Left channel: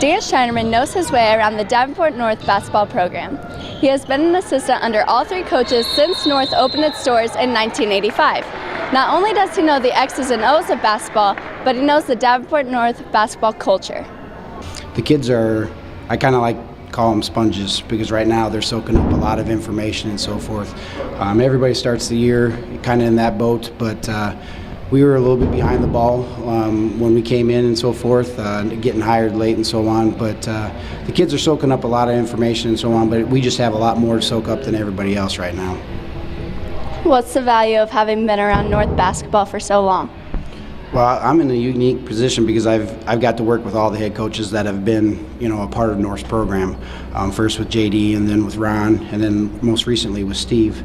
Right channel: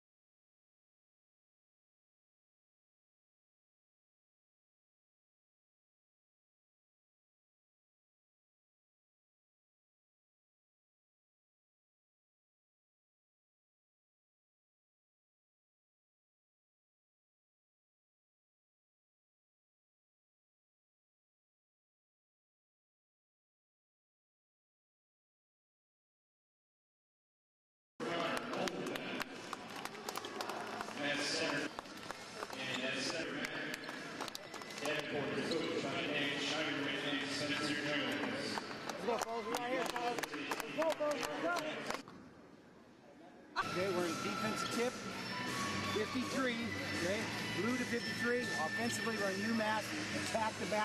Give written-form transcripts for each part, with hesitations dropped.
Dan Schneiderman knows his way around the Davenport North basketball program. He has been an assistant under all three coaches since North opened its doors in 1985. Not only does he know the X's and O's of basketball, but he knows the Davenport North basketball culture. The kids are, I kind of call them sponges, because right now they're soaking up a lot of information and so forth. Everybody starts the year kind of in that boat, but we were a little bit behind the ball when we came in and so forth, getting hired late and so on. But the kids are soaking up a lot of information and so on, but we just have a lot more to soak up than everybody else right now. What's the value of having been around North basketball for so long? Well, I'm in a unique position because I've got to work with all the head coaches that have been, a part of North's program. First with JD, and then with Ron, and then most recently with Steve.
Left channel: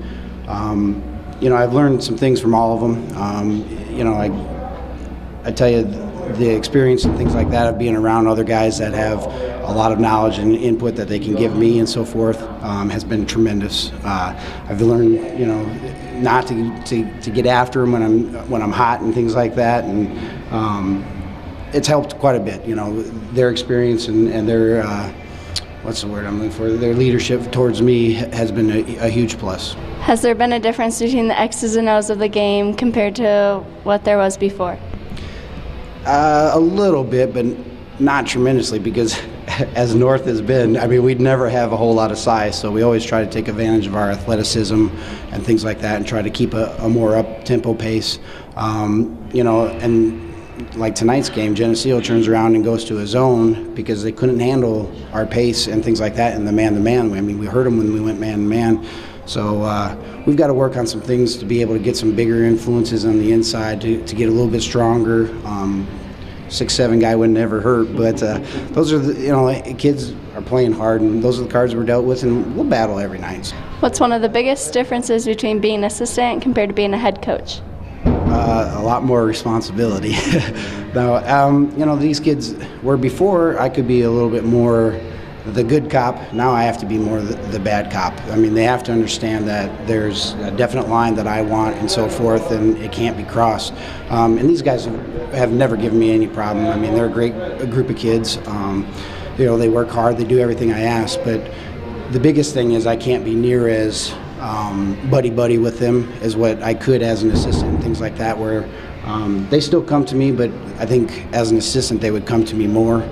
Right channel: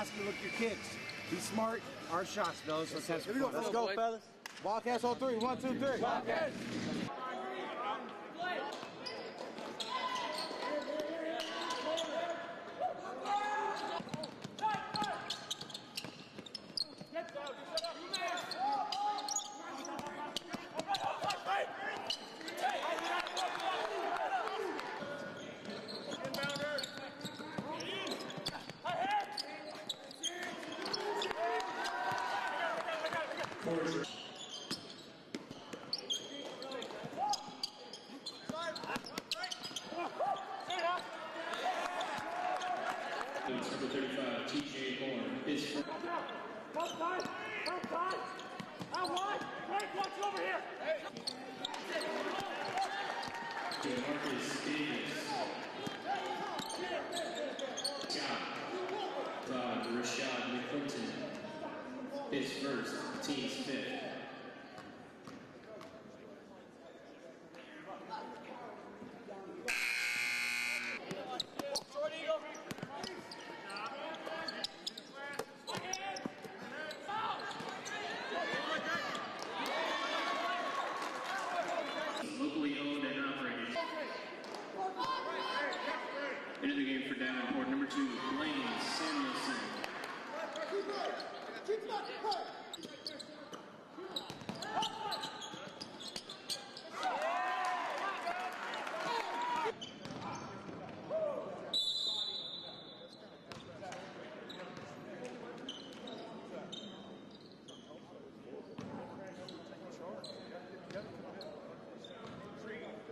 I've learned some things from all of them. I tell you, the experience and things like that of being around other guys that have a lot of knowledge and input that they can give me and so forth has been tremendous. I've learned, not to get after them when I'm hot and things like that, and it's helped quite a bit. Their experience and their what's the word I'm looking for? Their leadership towards me has been a huge plus. Has there been a difference between the X's and O's of the game compared to what there was before? A little bit, but not tremendously, because as North has been, we'd never have a whole lot of size, so we always try to take advantage of our athleticism and things like that and try to keep a more up-tempo pace. And like tonight's game, Geneseo turns around and goes to a zone because they couldn't handle our pace and things like that in the man-to-man. We heard them when we went man-to-man. So we've got to work on some things to be able to get some bigger influences on the inside to get a little bit stronger. 6'7" guy would never hurt, but those are the kids are playing hard, and those are the cards we're dealt with, and we'll battle every night. What's one of the biggest differences between being an assistant compared to being a head coach? A lot more responsibility. Now, these kids, where before I could be a little bit more the good cop, now I have to be more the bad cop. They have to understand that there's a definite line that I want and so forth, and it can't be crossed. And these guys have never given me any problem. They're a group of kids. They work hard, they do everything I ask, but the biggest thing is I can't be near as buddy-buddy with them as what I could as an assistant and things like that, where they still come to me, but I think as an assistant they would come to me more.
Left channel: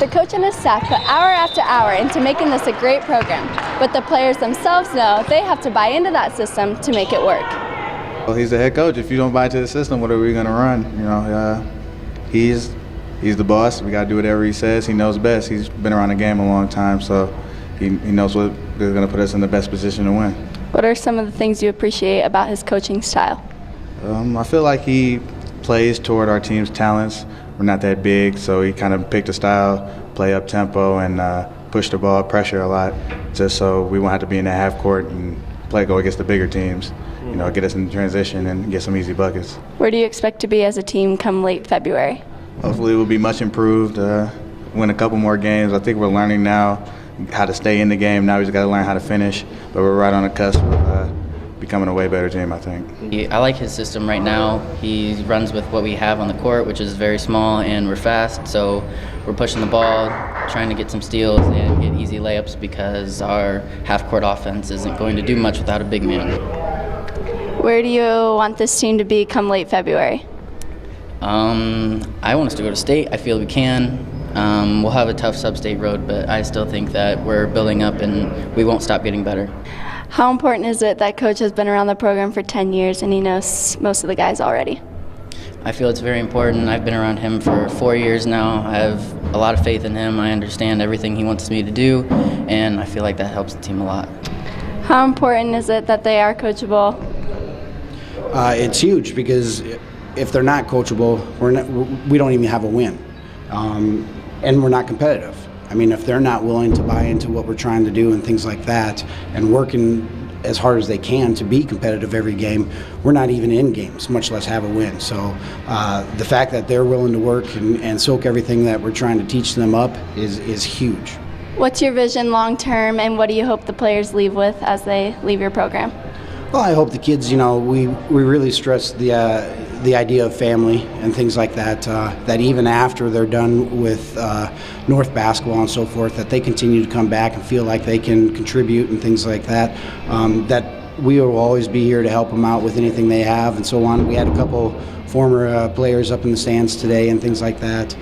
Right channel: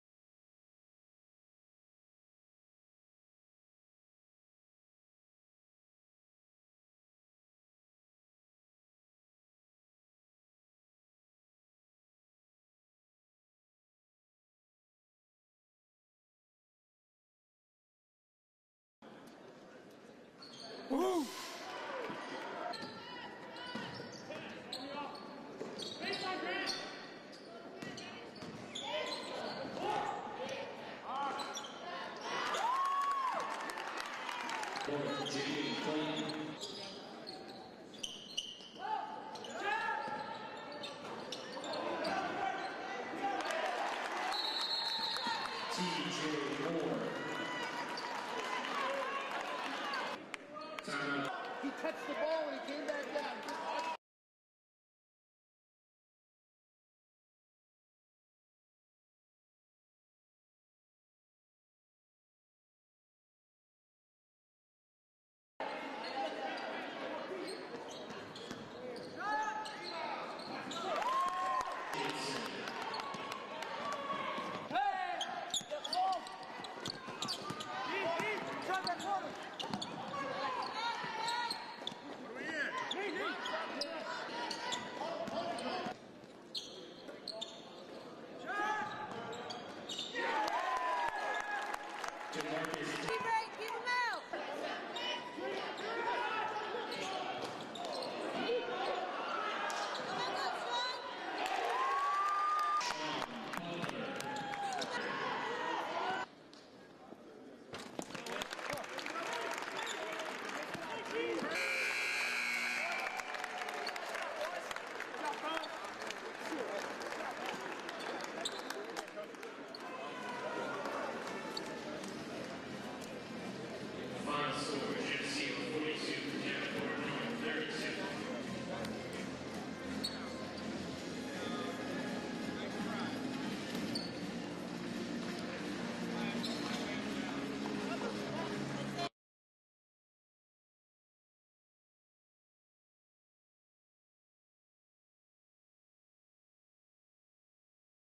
The coach and his staff put hour after hour into making this a great program, but the players themselves know they have to buy into that system to make it work. Well, he's the head coach. If you don't buy into the system, what are we going to run? He's the boss. We got to do whatever he says. He knows best. He's been around the game a long time, so he knows what is going to put us in the best position to win. What are some of the things you appreciate about his coaching style? I feel like he plays toward our team's talents. We're not that big, so he kind of picked a style, play up tempo, and push the ball, pressure a lot, just so we won't have to be in the half court and go against the bigger teams. Get us in transition and get some easy buckets. Where do you expect to be as a team come late February? Hopefully we'll be much improved, win a couple more games. I think we're learning now how to stay in the game. Now we just got to learn how to finish, but we're right on the cusp of becoming a way better team, I think. I like his system right now. He runs with what we have on the court, which is very small, and we're fast, so we're pushing the ball, trying to get some steals and get easy layups because our half-court offense isn't going to do much without a big man. Where do you want this team to be come late February? I want us to go to state. I feel we can. We'll have a tough sub-state road, but I still think that we're building up and we won't stop getting better. How important is it that coach has been around the program for 10 years and he knows most of the guys already? I feel it's very important. I've been around him for 4 years now. I have a lot of faith in him. I understand everything he wants me to do, and I feel like that helps the team a lot. How important is it that they are coachable? It's huge, because if they're not coachable, we don't even have a win. And we're not competitive. If they're not willing to buy into what we're trying to do and things like that, and working as hard as they can to be competitive every game, we're not even in games, much less have a win. So the fact that they're willing to work and soak everything that we're trying to teach them up is huge. What's your vision long term, and what do you hope the players leave with as they leave your program? Well, I hope the kids, we really stress the idea of family and things like that, that even after they're done with North basketball and so forth, that they continue to come back and feel like they can contribute and things like that, that we will always be here to help them out with anything they have and so on. We had a couple former players up in the stands today and things like that.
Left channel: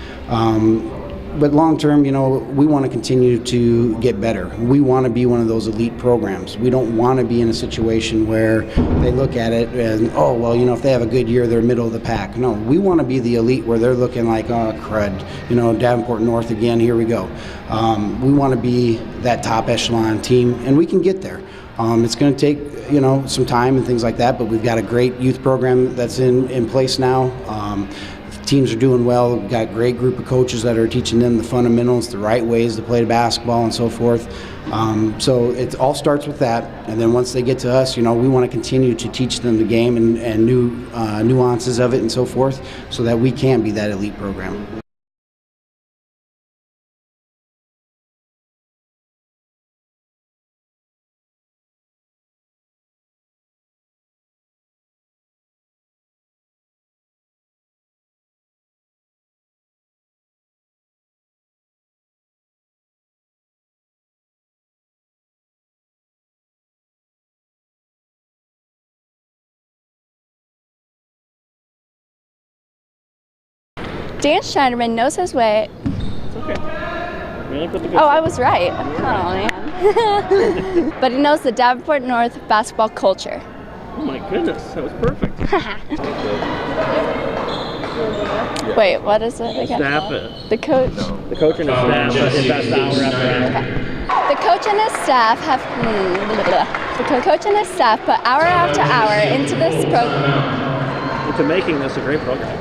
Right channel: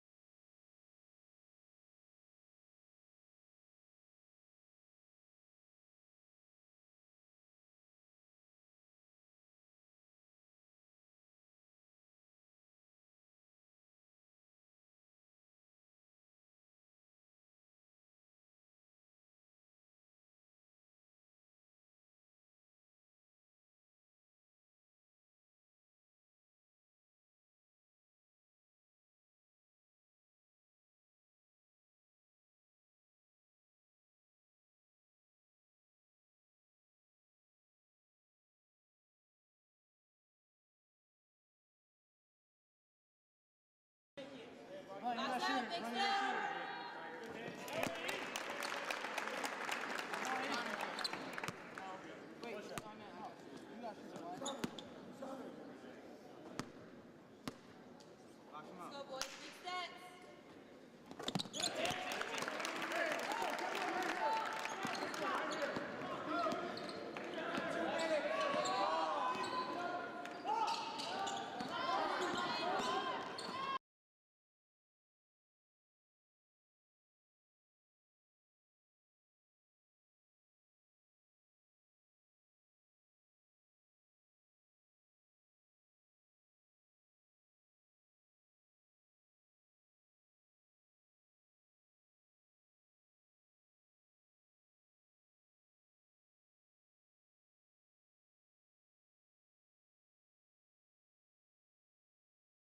But long term, you know, we want to continue to get better. We want to be one of those elite programs. We don't want to be in a situation where they look at it and, oh, well, you know, if they have a good year, they're middle of the pack. No, we want to be the elite where they're looking like, oh, crud, you know, Davenport North again, here we go. We want to be that top echelon team, and we can get there. It's going to take, you know, some time and things like that, but we've got a great youth program that's in place now. Teams are doing well. We've got a great group of coaches that are teaching them the fundamentals, the right ways to play basketball and so forth. So it all starts with that, and then once they get to us, you know, we want to continue to teach them the game and new nuances of it and so forth, so that we can be that elite program. Dan Schneiderman knows his way. It's okay. Really put the good Oh, I was right. Oh, man. But he knows the Davenport North basketball culture. Oh my goodness, that was perfect. Wait, what is it again? Staff it. The coach. The coach and his staff invest hour after hour. The coach and his staff have. The coach and his staff put hour after hour into this program. Into making this a great program.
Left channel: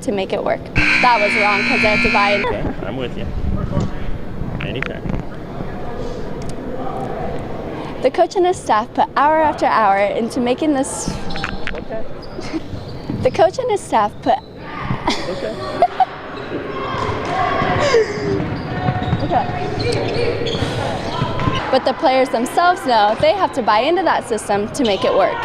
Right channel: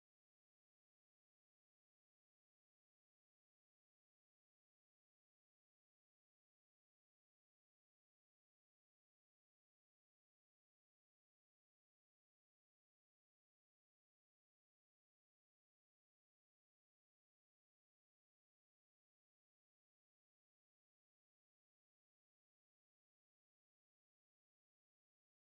To make it work. That was wrong because I have to buy it. Okay, I'm with you. Anytime. The coach and his staff put hour after hour into making this. Okay. The coach and his staff put. Okay. Okay. But the players themselves know they have to buy into that system to make it work.